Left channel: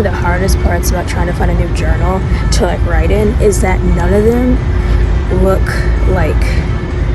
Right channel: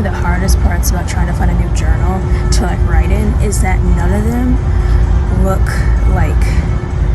of the hardest parts about trying to find a new journal to like write in is that none of them look like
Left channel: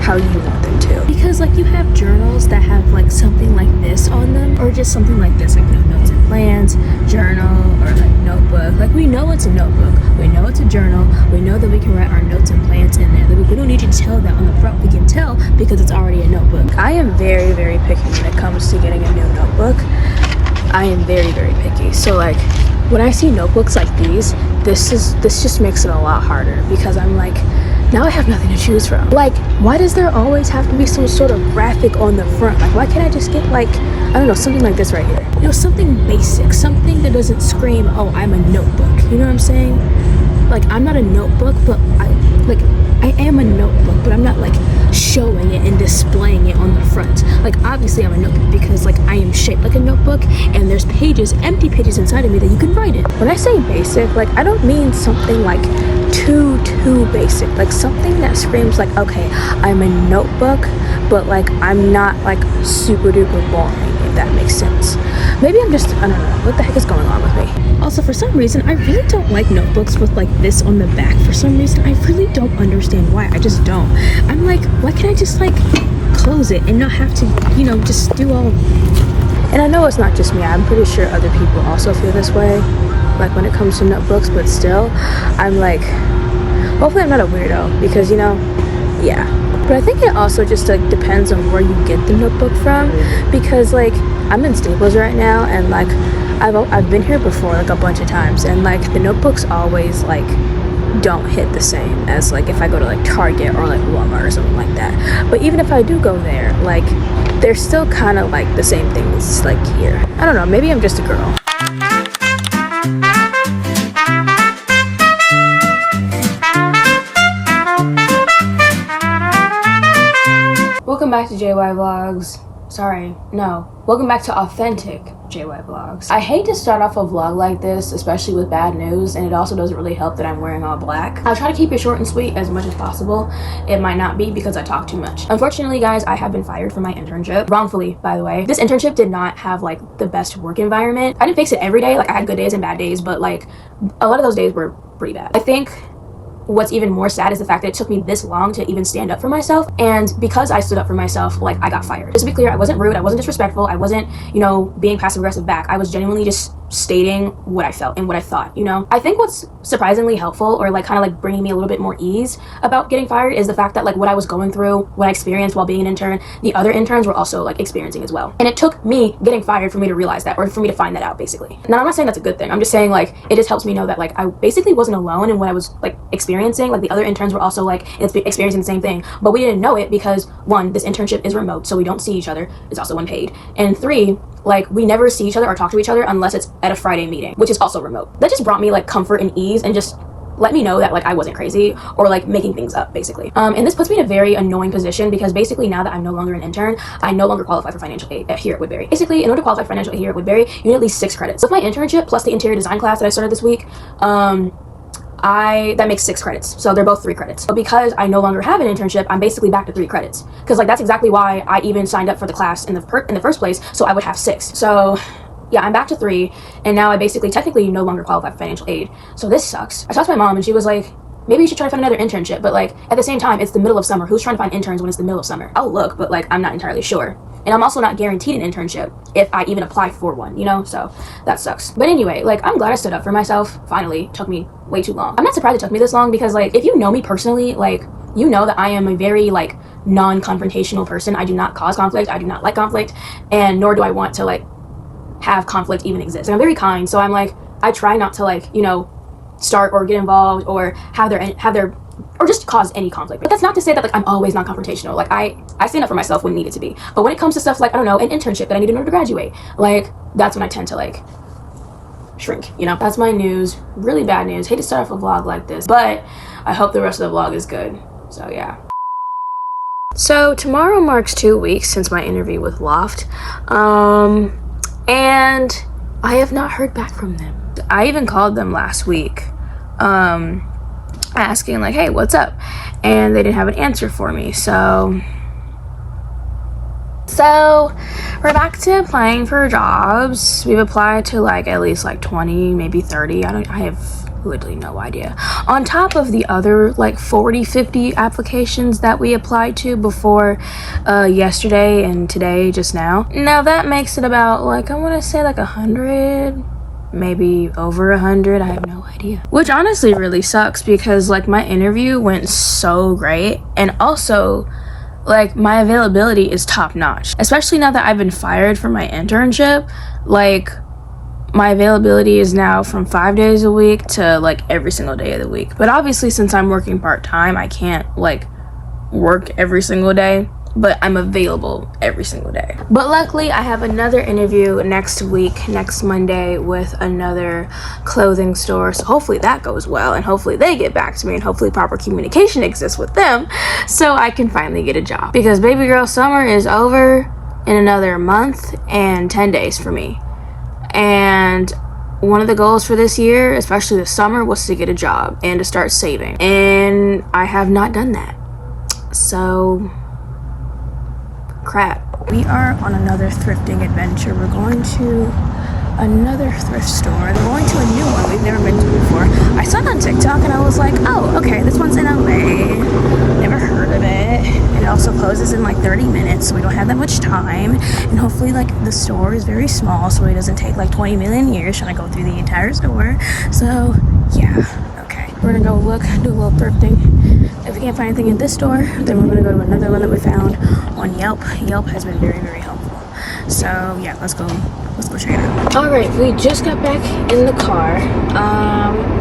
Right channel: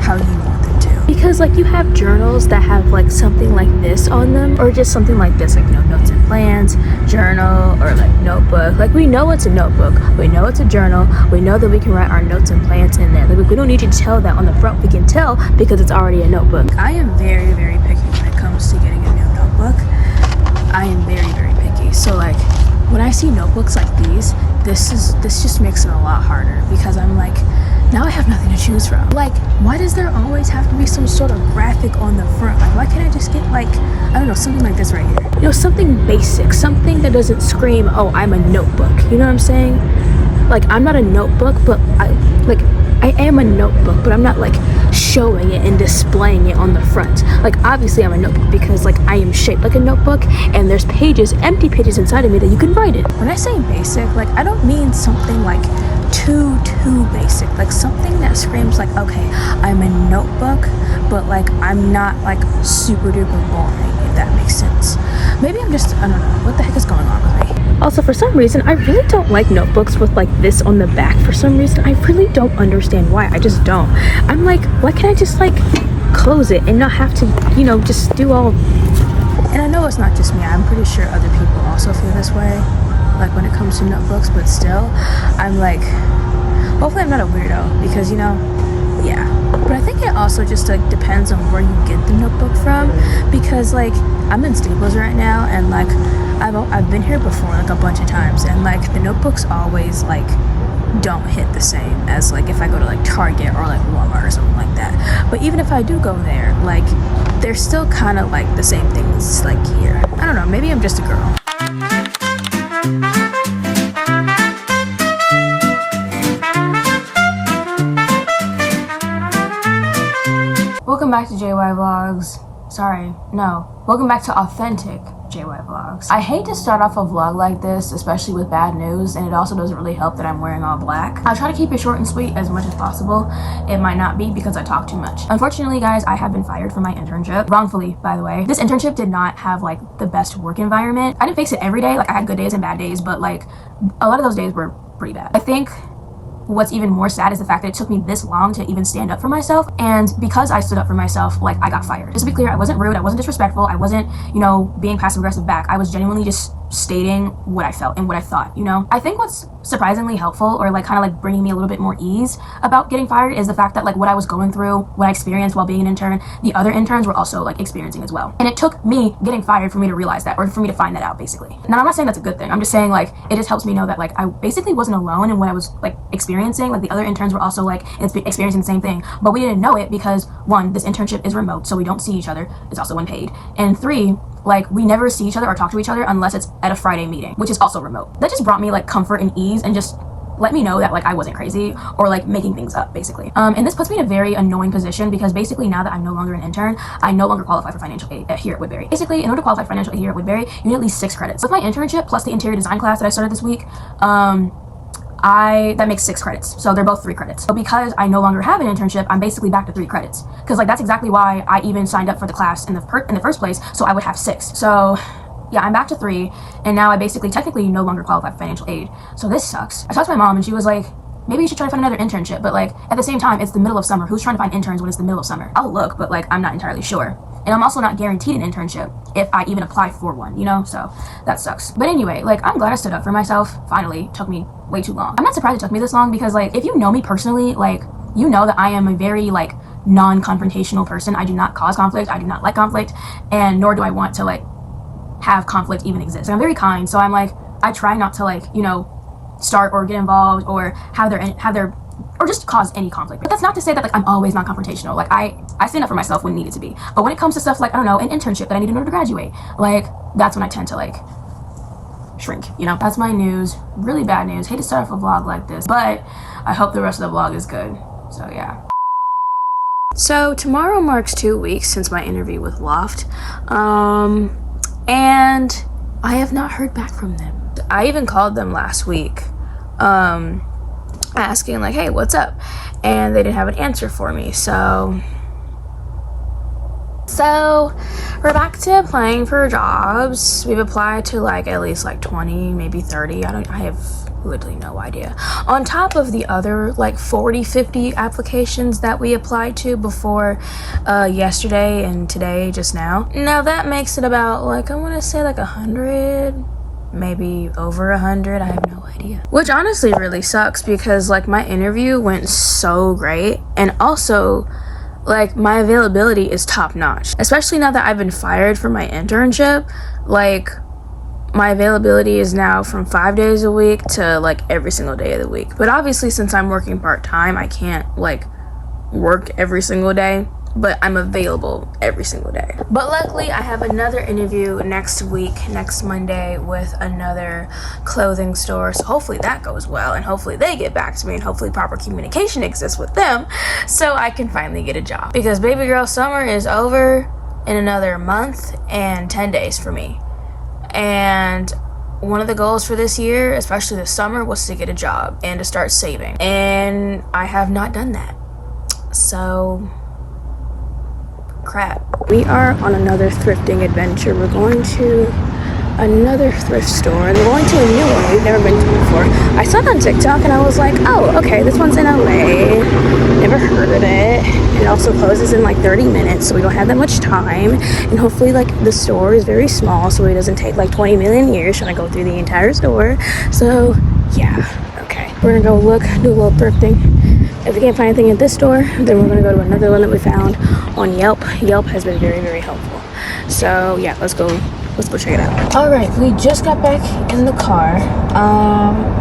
how you want them to. Because like you have journals that have like something like this on them, or just something like this, like no notes and plans, journal, or like notebook. Like we know it's a notebook, we know it's a journal, we know that we can write our notes and plans in there. Like we don't need to tell that on the front, we can tell because it's already a notebook. I am very, very picky when it comes to getting a new notebook. I am very, very picky. So like when I see notebooks like these, this just makes it a lot harder, because I'm like, now I have nothing to choose from. Like, why does there always have to be some sort of graphic on the front? Like, why can't I just get like, I don't know, something like this right here? You know, something basic, something that doesn't scream, oh, I'm a notebook. You know what I'm saying? Like, I'm not a notebook, but I am a notebook, but I'm not like showing it and displaying it on the front. Like, obviously I'm a notebook because like I am shaped like a notebook, and there's pages, empty pages inside of me that you can write in. When I say basic, like I don't mean something like too basic, like something that screams like, okay, I'm a notebook, but like I'm not like super duper boring, if that makes sense. Maybe I'm just, I don't know, what the heck is going on with me? Also, for some reason, I really don't like notebooks with like this on the back. For some reason, I really don't understand why. I just don't. I'm like, why can't I just like close it and not have to, you know, just do all. And I know it's not just me. I'm pretty sure other people also feel this way, like when it comes to notebooks, but still, I'm like, hopefully I'm not a weirdo, because, you know, yeah. But I think it also just like depends on where you get the notebook from, because like I'm in Staples right now, and like I've been here before like a bunch of times, and like the notebooks always like don't hit the same as like if I go to like Target or like Walmart or something like that. But even if I do go there, like they're still kind of like the same things like here. I don't know, maybe I'm just a girl. Welcome back to JY Vlogs. Sorry, no. Welcome back to authentic JY Vlogs. I hate to start off a vlog like this, especially with bad news, and it also doesn't really help that I'm wearing all black. I try to keep it short and sweet as much as possible. It might not be because I talk too much. Unfortunately, guys, I have been fired from my internship. Wrongfully, by the way. This internship did not have like the best work environment. I didn't fix it every day. Like I had good days and bad days, but like a lot of those days were pretty bad. I think what's even more sad is the fact that it took me this long to even stand up for myself, and because I stood up for myself, like I got fired. Just to be clear, I wasn't rude, I wasn't disrespectful, I wasn't, you know, being passive aggressive back. I was genuinely just stating what I felt and what I thought, you know. I think what's surprisingly helpful, or like kind of like bringing me a little bit more ease about getting fired, is the fact that like what I was going through, what I experienced while being an intern, the other interns were also like experiencing as well. And it took me getting fired for me to realize that, or for me to find that out, basically. Now, I'm not saying that's a good thing. I'm just saying like it just helps me know that like I basically wasn't alone in what I was like experiencing. Like the other interns were also like experiencing the same thing, but we didn't know it because one, this internship is remote, so we don't see each other. It's also unpaid. And three, like we never see each other or talk to each other unless it's at a Friday meeting, which is also remote. That just brought me like comfort and ease, and just let me know that like I wasn't crazy or like making things up, basically. And this puts me in a very annoying position, because basically now that I'm no longer an intern, I no longer qualify for financial aid here at Woodbury. Basically, in order to qualify for financial aid here at Woodbury, you need at least 6 credits. With my internship plus the interior design class that I started this week, that makes 6 credits, so they're both 3 credits. But because I no longer have an internship, I'm basically back to 3 credits, because like that's exactly why I even signed up for the class in the first place, so I would have 6. So yeah, I'm back to 3, and now I basically technically no longer qualify for financial aid. So this sucks. I talked to my mom, and she was like, maybe you should try to find another internship, but like at the same time, it's the middle of summer. Who's trying to find interns when it's the middle of summer? I'll look, but like I'm not entirely sure. And I'm also not guaranteed an internship if I even apply for one, you know? So that sucks. But anyway, like I'm glad I stood up for myself. Finally. Took me way too long. I'm not surprised it took me this long, because like if you know me personally, like you know that I am a very like non-confrontational person. I do not cause conflict. I do not like conflict, and nor do I want to like have conflict even exist. And I'm very kind, so I'm like, I try not to like, you know, start or get involved or have their or just cause any conflict. But that's not to say that like I'm always non-confrontational. Like I stand up for myself when needed to be. But when it comes to stuff like, I don't know, an internship that I need in order to graduate, like that's when I tend to like shrink, you know? That's my news. Really bad news. Hate to start off a vlog like this, but I hope the rest of the vlog is good. So yeah. So tomorrow marks 2 weeks since my interview with Loft. And I have not heard back from them. I even called them last week, asking like, hey, what's up? And they didn't have an answer for me. So So we're back to applying for jobs. We've applied to like at least like 20, maybe 30. I have literally no idea. On top of the other like 40, 50 applications that we applied to before yesterday and today just now. Now that makes it about like, I want to say like 100, maybe over 100. I have no idea. Which honestly really sucks because like my interview went so great, and also like my availability is top notch, especially now that I've been fired from my internship. Like my availability is now from 5 days a week to like every single day of the week. But obviously since I'm working part-time, I can't like work every single day, but I'm available every single day. But luckily I have another interview next week, next Monday, with another clothing store, so hopefully that goes well, and hopefully they get back to me, and hopefully proper communication exists with them so I can finally get a job, because baby girl summer is over in another month and 10 days for me. And one of the goals for this year, especially this summer, was to get a job and to start saving, and I have not done that. So crap. We are on another thrifting adventure. We're going to another thrift store, and we're going to a new one we've never been to before. I saw it on TikTok and I was like, oh, okay, this one's in LA. Never heard of it. And it also closes in like 30 minutes, so we don't have that much time. And hopefully like the store is very small, so it doesn't take like 20 million years trying to go through the entire store. So yeah, okay. We're gonna go look, do a little thrifting. If we can't find anything at this store, then we're gonna go to another one that we found on Yelp. Yelp has been very, very helpful. So yeah, let's go check it out. All right, we just got back in the car.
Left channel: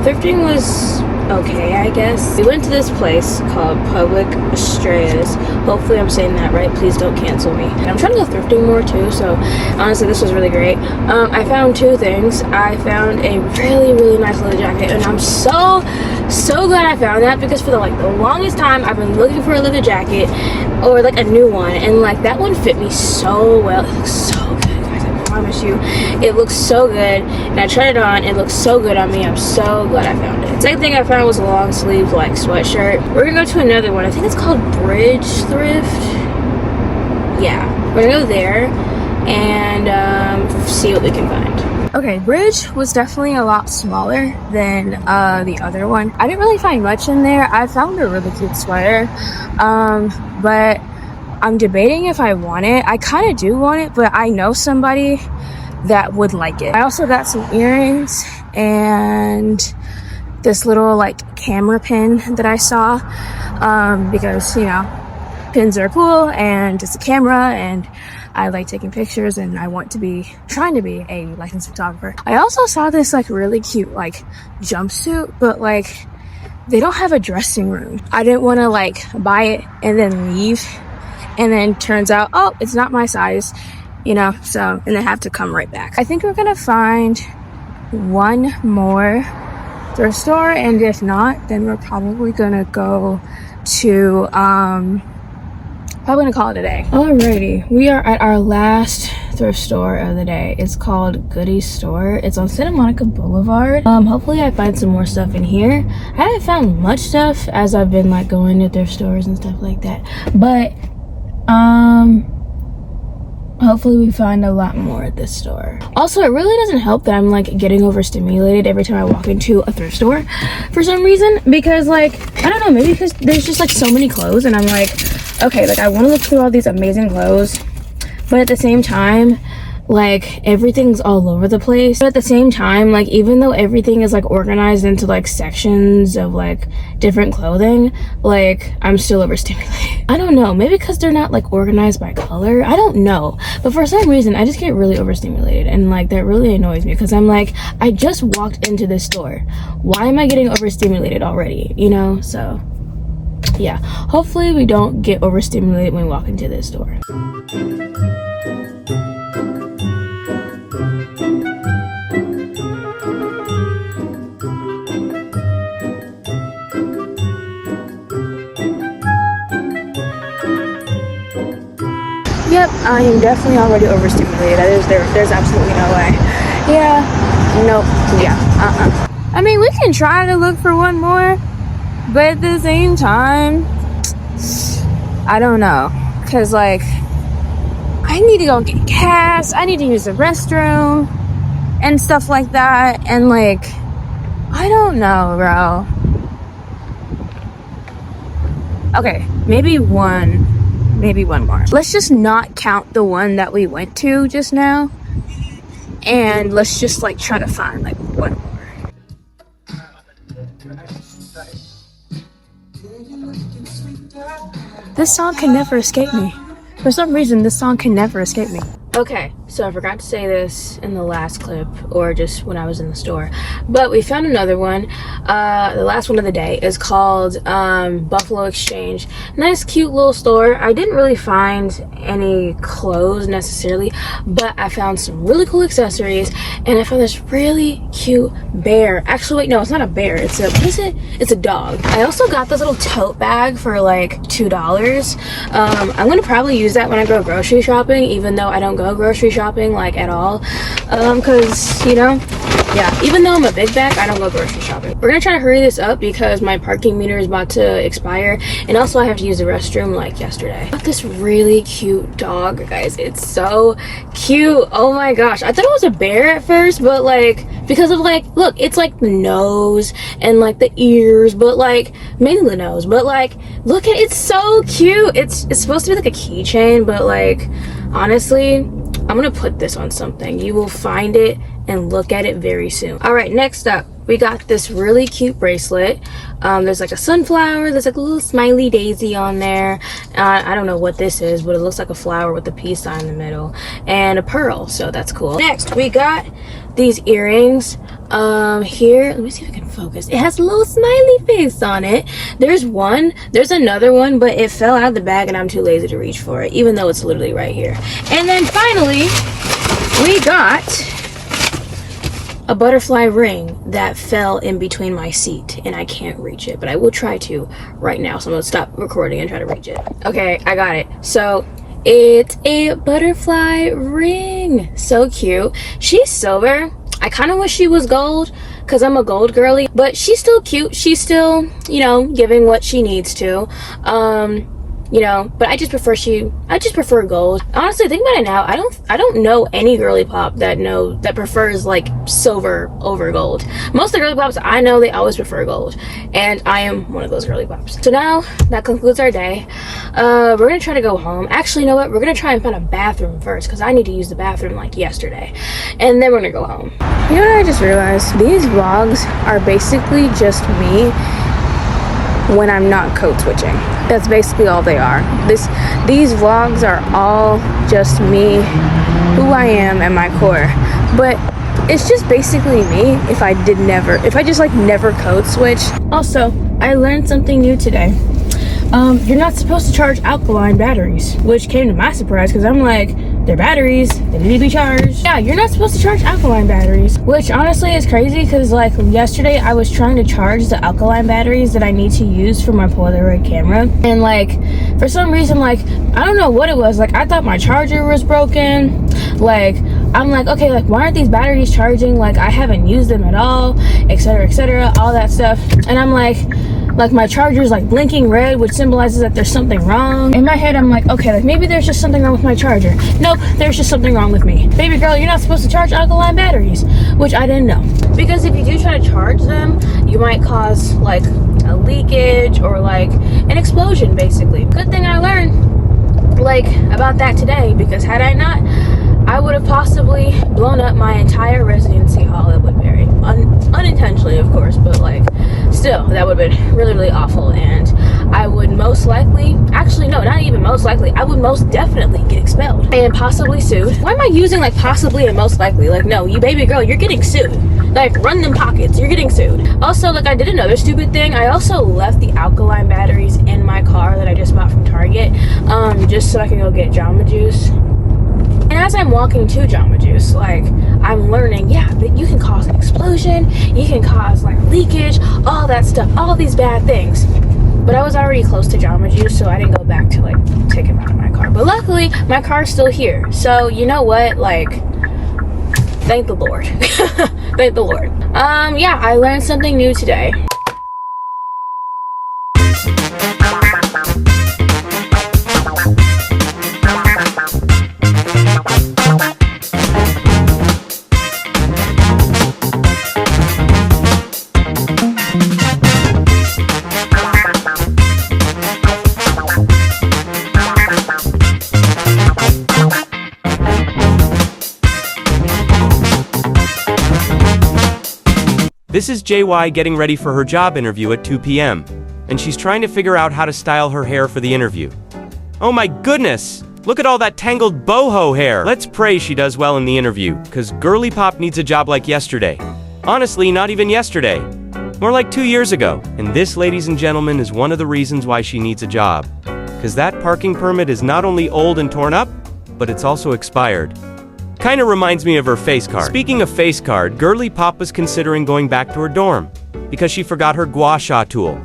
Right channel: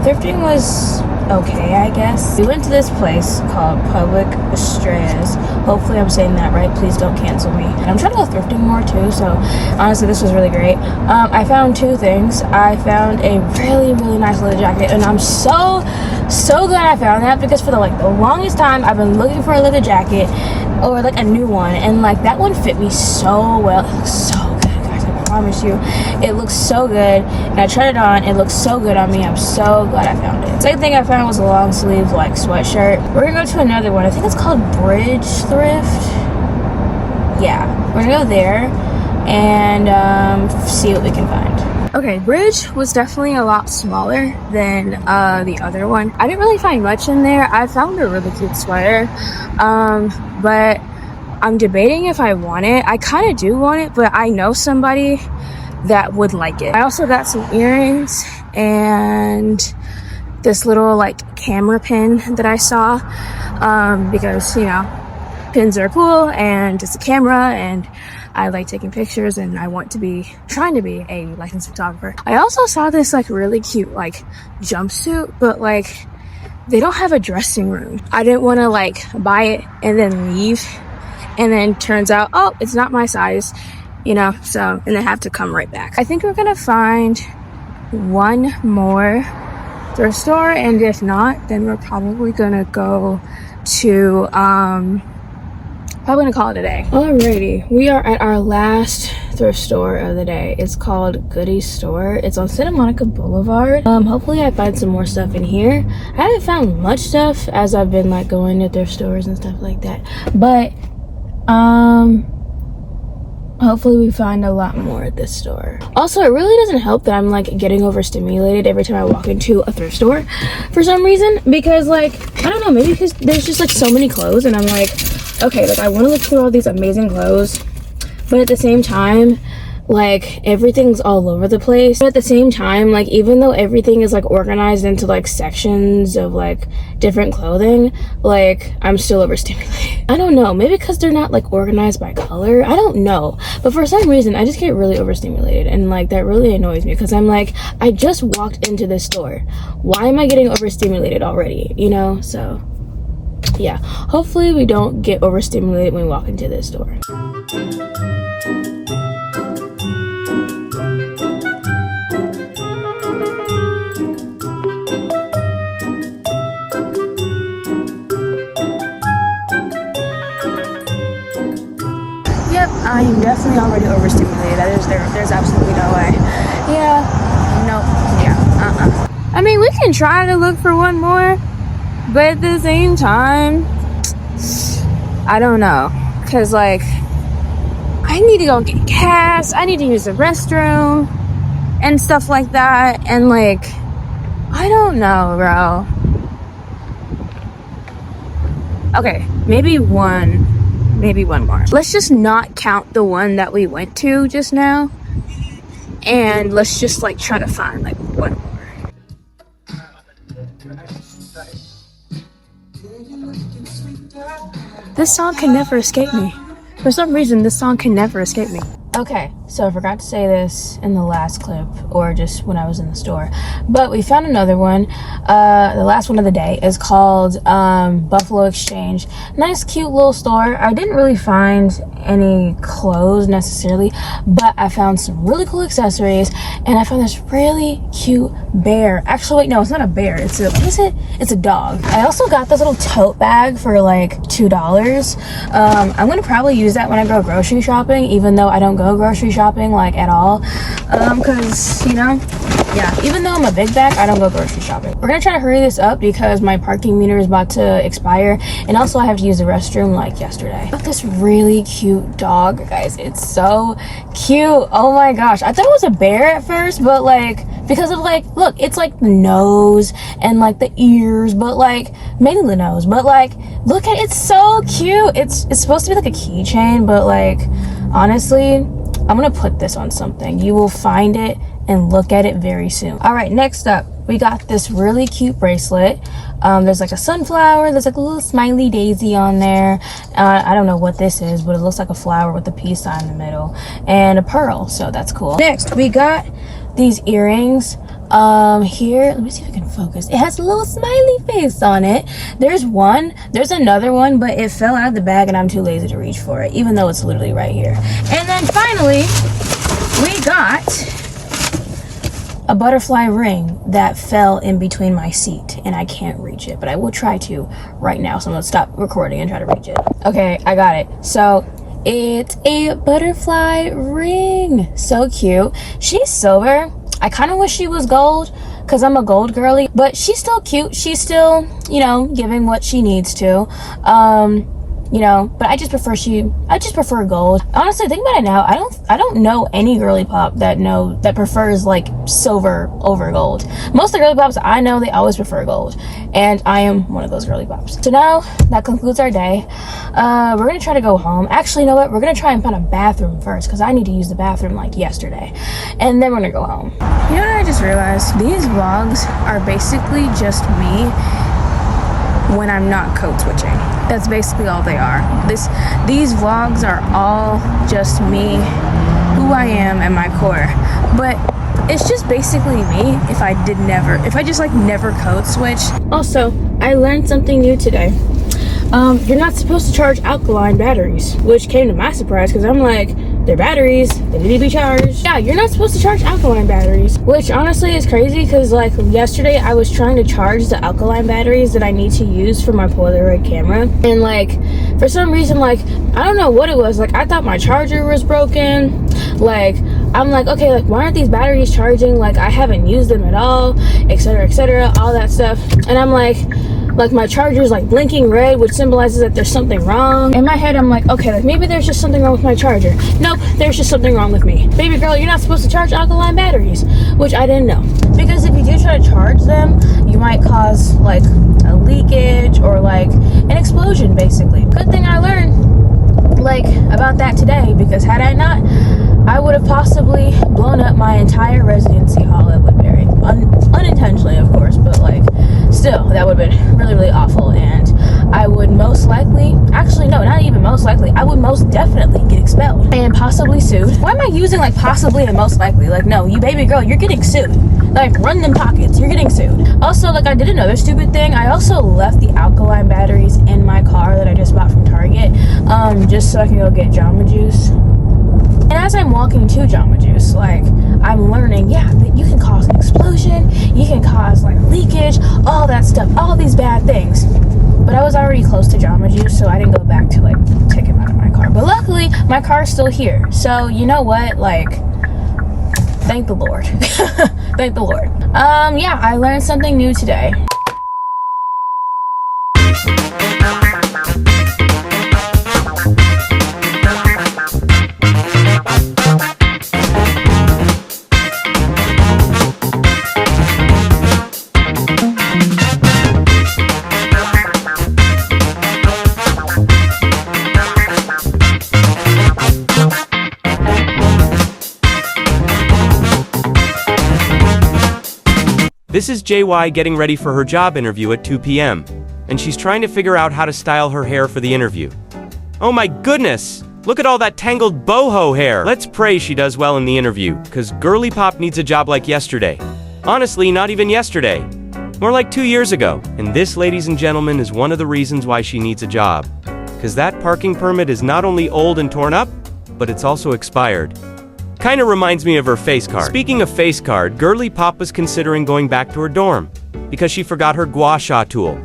Thrifting was okay, I guess. We went to this place called Public Estrellas. Hopefully I'm saying that right. Please don't cancel me. I'm trying to go thrifting more too, so honestly this was really great. I found two things. I found a really, really nice leather jacket, and I'm so glad I found that, because for the longest time I've been looking for a leather jacket or like a new one, and like that one fit me so well. It looks so good, guys, I promise you. It looks so good, and I tried it on. It looks so good on me. I'm so glad I found it. Same thing I found was a long sleeve like sweatshirt. We're gonna go to another one. I think it's called Bridge Thrift. Yeah, we're gonna go there and see what we can find. Okay, Bridge was definitely a lot smaller than the other one. I didn't really find much in there. I found a really cute sweater, but I'm debating if I want it. I kind of do want it, but I know somebody that would like it. I also got some earrings and this little like camera pin that I saw, because you know, pins are cool and it's a camera, and I like taking pictures, and I want to be trying to be a licensed photographer. I also saw this like really cute like jumpsuit, but like they don't have a dressing room. I didn't want to like buy it and then leave, and then turns out, oh, it's not my size, you know, so, and then have to come right back. I think we're gonna find one more thrift store, and if not, then we're probably gonna go to probably gonna call it a day. Alrighty, we are at our last thrift store of the day. It's called Goody Store. It's on Santa Monica Boulevard. Hopefully I find some more stuff in here. I haven't found much stuff as I've been like going to thrift stores and stuff like that, but hopefully we find a lot more at this store. Also, it really doesn't help that I'm like getting overstimulated every time I walk into a thrift store for some reason, because like, I don't know, maybe because there's just like so many clothes, and I'm like, okay, like I want to look through all these amazing clothes, but at the same time, like everything's all over the place. But at the same time, like even though everything is like organized into like sections of like different clothing, like I'm still overstimulated. I don't know, maybe because they're not like organized by color, I don't know, but for some reason I just get really overstimulated, and like that really annoys me, because I'm like, I just walked into this store, why am I getting overstimulated already, you know? So yeah, hopefully we don't get overstimulated when we walk into this store. Yep, I am definitely already overstimulated. There's absolutely no way. Yeah, nope, yeah, I mean, we can try to look for one more, but at the same time, I don't know, because like, I need to go get gas. I need to use the restroom and stuff like that. And like, I don't know, bro. Okay, maybe one more. Let's just not count the one that we went to just now. And let's just like try to find like one more. This song can never escape me. For some reason, this song can never escape me. Okay, so I forgot to say this in the last clip, or just when I was in the store, but we found another one. The last one of the day is called Buffalo Exchange. Nice, cute little store. I didn't really find any clothes necessarily, but I found some really cool accessories, and I found this really cute bear. Actually, wait, no, it's not a bear. It's a, what is it? It's a dog. I also got this little tote bag for like $2. I'm gonna probably use that when I go grocery shopping, even though I don't go grocery shopping like at all, because you know, yeah, even though I'm a big bag, I don't go grocery shopping. We're gonna try to hurry this up because my parking meter is about to expire, and also I have to use the restroom like yesterday. I got this really cute dog, guys. It's so cute. Oh my gosh, I thought it was a bear at first, but like, because of like, look, it's like the nose and like the ears, but like mainly the nose, but like, look at it, it's so cute. It's supposed to be like a keychain, but like, honestly, I'm gonna put this on something. You will find it and look at it very soon. All right, next up, we got this really cute bracelet. There's like a sunflower, there's like a little smiley daisy on there. I don't know what this is, but it looks like a flower with a peace sign in the middle, and a pearl, so that's cool. Next, we got these earrings. Here, let me see if I can focus. It has a little smiley face on it. There's another one, but it fell out of the bag and I'm too lazy to reach for it, even though it's literally right here. And then finally, we got a butterfly ring that fell in between my seat and I can't reach it, but I will try to right now. So I'm gonna stop recording and try to reach it. Okay, I got it. So it's a butterfly ring. So cute. She's silver. I kind of wish she was gold because I'm a gold girly, but she's still cute. She's still, you know, giving what she needs to. You know, but I just prefer gold. Honestly, think about it now, I don't know any girly pop that prefers like silver over gold. Most of the girly pops I know, they always prefer gold, and I am one of those girly pops. So now that concludes our day. We're gonna try to go home. Actually, you know what, we're gonna try and find a bathroom first because I need to use the bathroom like yesterday, and then we're gonna go home. You know what I just realized? These vlogs are basically just me when I'm not code switching. That's basically all they are. These vlogs are all just me, who I am at my core. But it's just basically me if I just like never code switch. Also, I learned something new today. You're not supposed to charge alkaline batteries, which came to my surprise because I'm like, they're batteries, they need to be charged. Yeah, you're not supposed to charge alkaline batteries, which honestly is crazy because like yesterday I was trying to charge the alkaline batteries that I need to use for my Polaroid camera, and like for some reason, like I don't know what it was, like I thought my charger was broken. Like I'm like, okay, like why aren't these batteries charging? Like I haven't used them at all, etc., all that stuff. And I'm like my charger's like blinking red, which symbolizes that there's something wrong. In my head, I'm like, okay, like maybe there's just something wrong with my charger. Nope, there's just something wrong with me. Baby girl, you're not supposed to charge alkaline batteries, which I didn't know. Because if you do try to charge them, you might cause like a leakage or like an explosion, basically. Good thing I learned like about that today, because had I not, I would have possibly blown up my entire residency hall at Woodbury. Unintentionally, of course, but like still, that would have been really, really awful, and I would most likely, actually no, not even most likely, I would most definitely get expelled and possibly sued. Why am I using like possibly and most likely? Like, no, you baby girl, you're getting sued. Like, run them pockets, you're getting sued. Also, like I did another stupid thing. I also left the alkaline batteries in my car that I just bought from Target, just so I can go get Jamba Juice. And as I'm walking to Jamba Juice, like, I'm learning, yeah, that you can cause an explosion, you can cause, like, leakage, all that stuff, all these bad things. But I was already close to Jamba Juice, so I didn't go back to, like, take him out of my car. But luckily, my car's still here. So, you know what? Like, thank the Lord. Thank the Lord. Yeah, I learned something new today. This is JY getting ready for her job interview at 2 p.m. and she's trying to figure out how to style her hair for the interview. Oh my goodness! Look at all that tangled boho hair! Let's pray she does well in the interview, cause Girly Pop needs a job like yesterday. Honestly, not even yesterday. More like 2 years ago. And this, ladies and gentlemen, is one of the reasons why she needs a job. Cause that parking permit is not only old and torn up, but it's also expired. Kinda reminds me of her face card. Speaking of face card, Girly Pop was considering going back to her dorm, because she forgot her gua sha tool.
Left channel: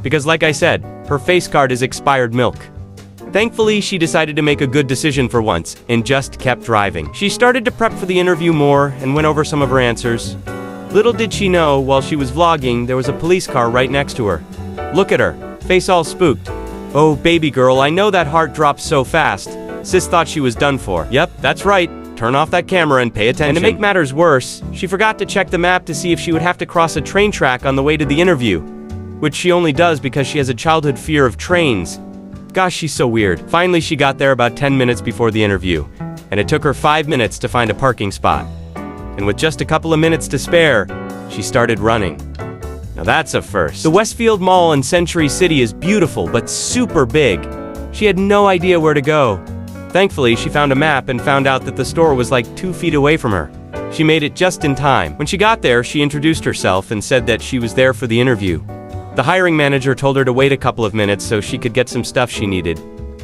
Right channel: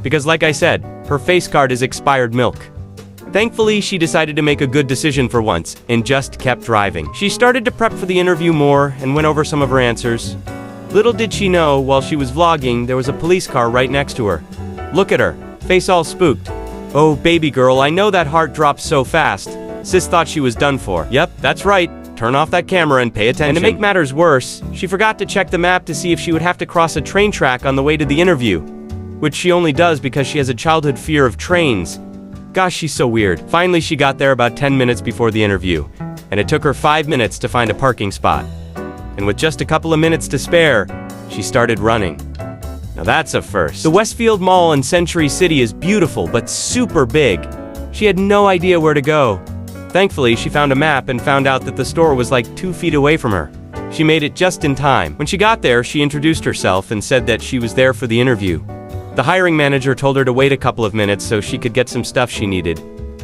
Because like I said, her face card is expired milk. Thankfully, she decided to make a good decision for once, and just kept driving. She started to prep for the interview more, and went over some of her answers. Little did she know, while she was vlogging, there was a police car right next to her. Look at her, face all spooked. Oh baby girl, I know that heart dropped so fast. Sis thought she was done for. Yep, that's right. Turn off that camera and pay attention. And to make matters worse, she forgot to check the map to see if she would have to cross a train track on the way to the interview. Which she only does because she has a childhood fear of trains. Gosh, she's so weird. Finally, she got there about 10 minutes before the interview, and it took her 5 minutes to find a parking spot. And with just a couple of minutes to spare, she started running. Now that's a first. The Westfield Mall in Century City is beautiful, but super big. She had no idea where to go. Thankfully, she found a map and found out that the store was like 2 feet away from her. She made it just in time. When she got there, she introduced herself and said that she was there for the interview. The hiring manager told her to wait a couple of minutes so she could get some stuff she needed,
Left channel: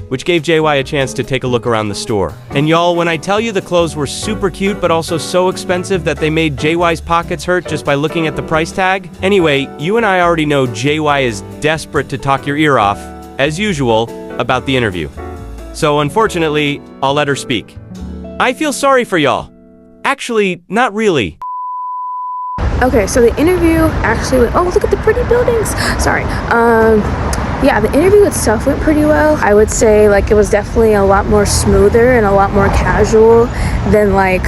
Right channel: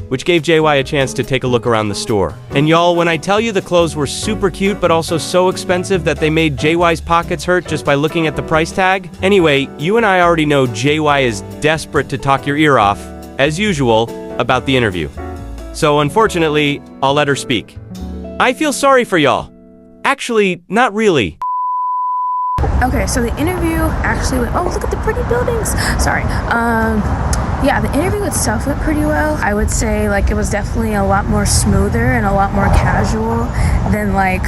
which gave JY a chance to take a look around the store. And y'all, when I tell you the clothes were super cute but also so expensive that they made JY's pockets hurt just by looking at the price tag? Anyway, you and I already know JY is desperate to talk your ear off, as usual, about the interview. So unfortunately, I'll let her speak. I feel sorry for y'all. Actually, not really. Okay, so the interview actually went, oh, look at the pretty buildings. Sorry. Yeah, the interview itself went pretty well. I would say like it was definitely a lot more smoother and a lot more casual than like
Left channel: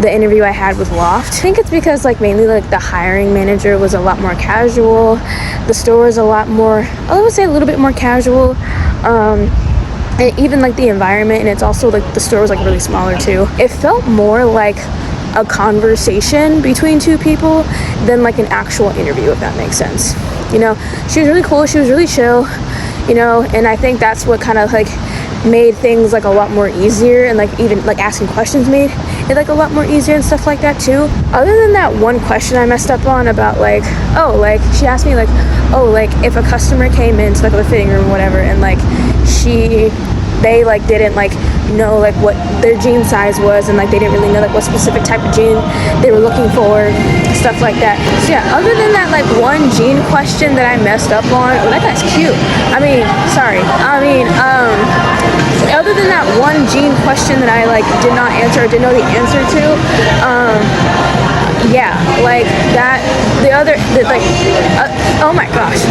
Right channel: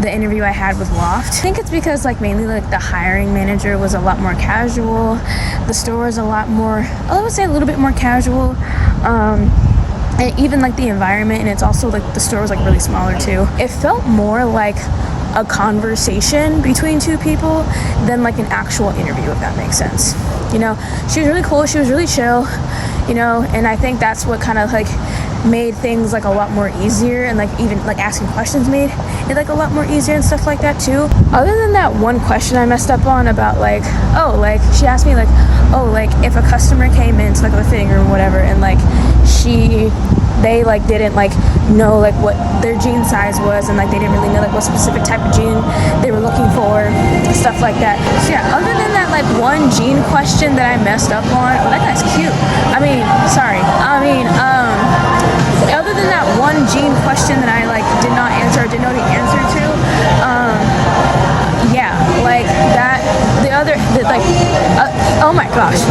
the interview I had with Loft. I think it's because like mainly like the hiring manager was a lot more casual. The store was a lot more, I would say a little bit more casual. And even like the environment, and it's also like the store was like really smaller too. It felt more like a conversation between two people than like an actual interview, if that makes sense. You know, she was really cool, she was really chill, you know, and I think that's what kind of like made things like a lot more easier, and like even like asking questions made it like a lot more easier and stuff like that too. Other than that one question I messed up on about like, oh, like she asked me like, oh, like if a customer came into like the fitting room or whatever, and like they like didn't like know like what their jean size was, and like they didn't really know like what specific type of jean they were looking for, stuff like that. So yeah, other than that like one jean question that I messed up on, oh, that guy's cute. Other than that one jean question that I like did not answer or didn't know the answer to, yeah, like that, oh my gosh.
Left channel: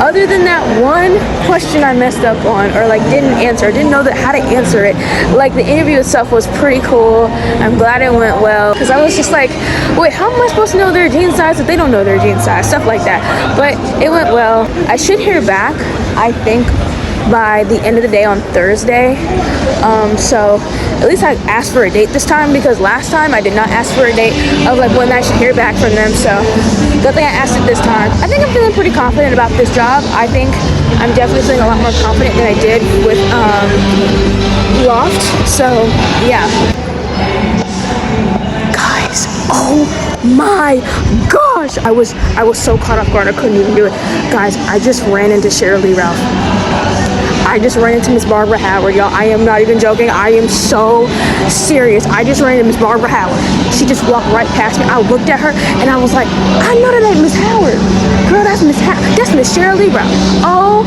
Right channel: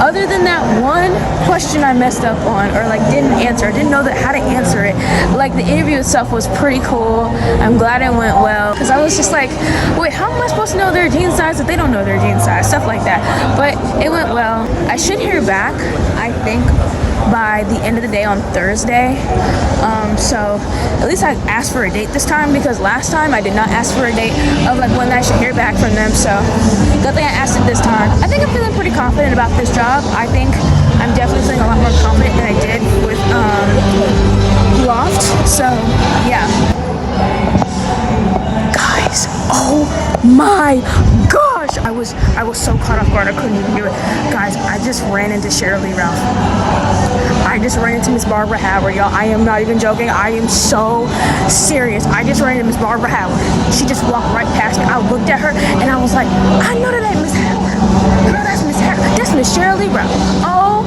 Other than that one question I messed up on or like didn't answer, didn't know how to answer it, like the interview itself was pretty cool. I'm glad it went well, because I was just like, wait, how am I supposed to know their jean size if they don't know their jean size, stuff like that. But it went well. I should hear back, I think, by the end of the day on Thursday. So at least I asked for a date this time, because last time I did not ask for a date of like when I should hear back from them. So good thing I asked it this time. I think I'm feeling pretty confident about this job. I think I'm definitely feeling a lot more confident than I did with Loft. So yeah, guys, oh my gosh, I was so caught off guard I couldn't even do it. Guys, I just ran into Shirley Ralph. I just ran into Miss Barbara Howard, y'all. I am not even joking. I am so serious. I just ran into Miss Barbara Howard. She just walked right past me. I looked at her and I was like, I know that ain't Miss Howard. Girl, that's Miss Shirley Ralph. Oh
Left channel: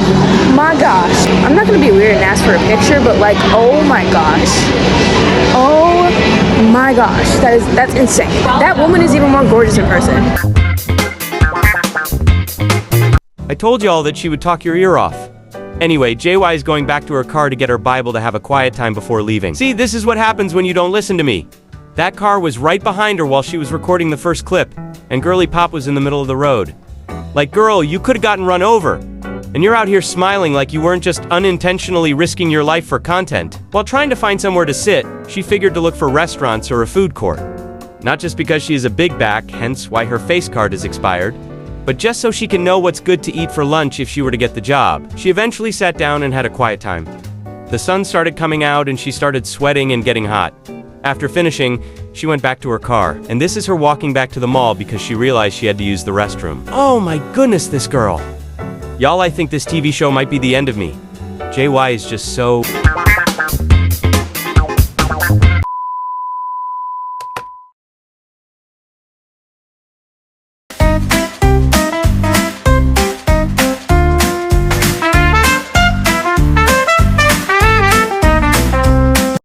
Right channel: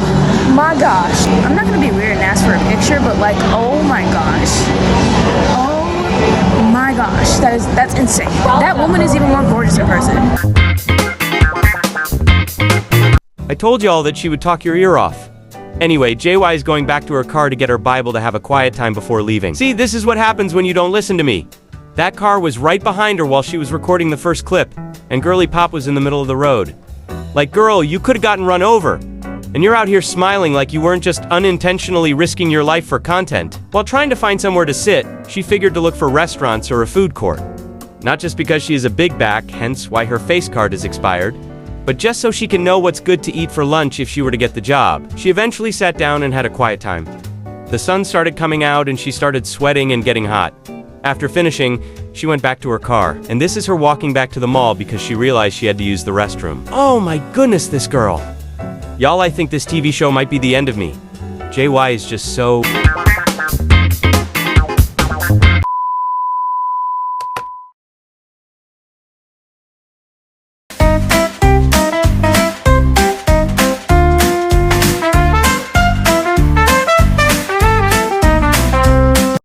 my gosh. I'm not gonna be weird and ask for a picture, but like, oh my gosh. Oh my gosh. That's insane. That woman is even more gorgeous in person. I told y'all that she would talk your ear off. Anyway, JY is going back to her car to get her Bible to have a quiet time before leaving. See, this is what happens when you don't listen to me. That car was right behind her while she was recording the first clip, and Girly Pop was in the middle of the road. Like, girl, you could have gotten run over. And you're out here smiling like you weren't just unintentionally risking your life for content. While trying to find somewhere to sit, she figured to look for restaurants or a food court. Not just because she is a big back, hence why her face card is expired, but just so she can know what's good to eat for lunch if she were to get the job. She eventually sat down and had a quiet time. The sun started coming out and she started sweating and getting hot. After finishing, she went back to her car, and this is her walking back to the mall because she realized she had to use the restroom. Oh my goodness, this girl. Y'all, I think this TV show might be the end of me. JY is just so...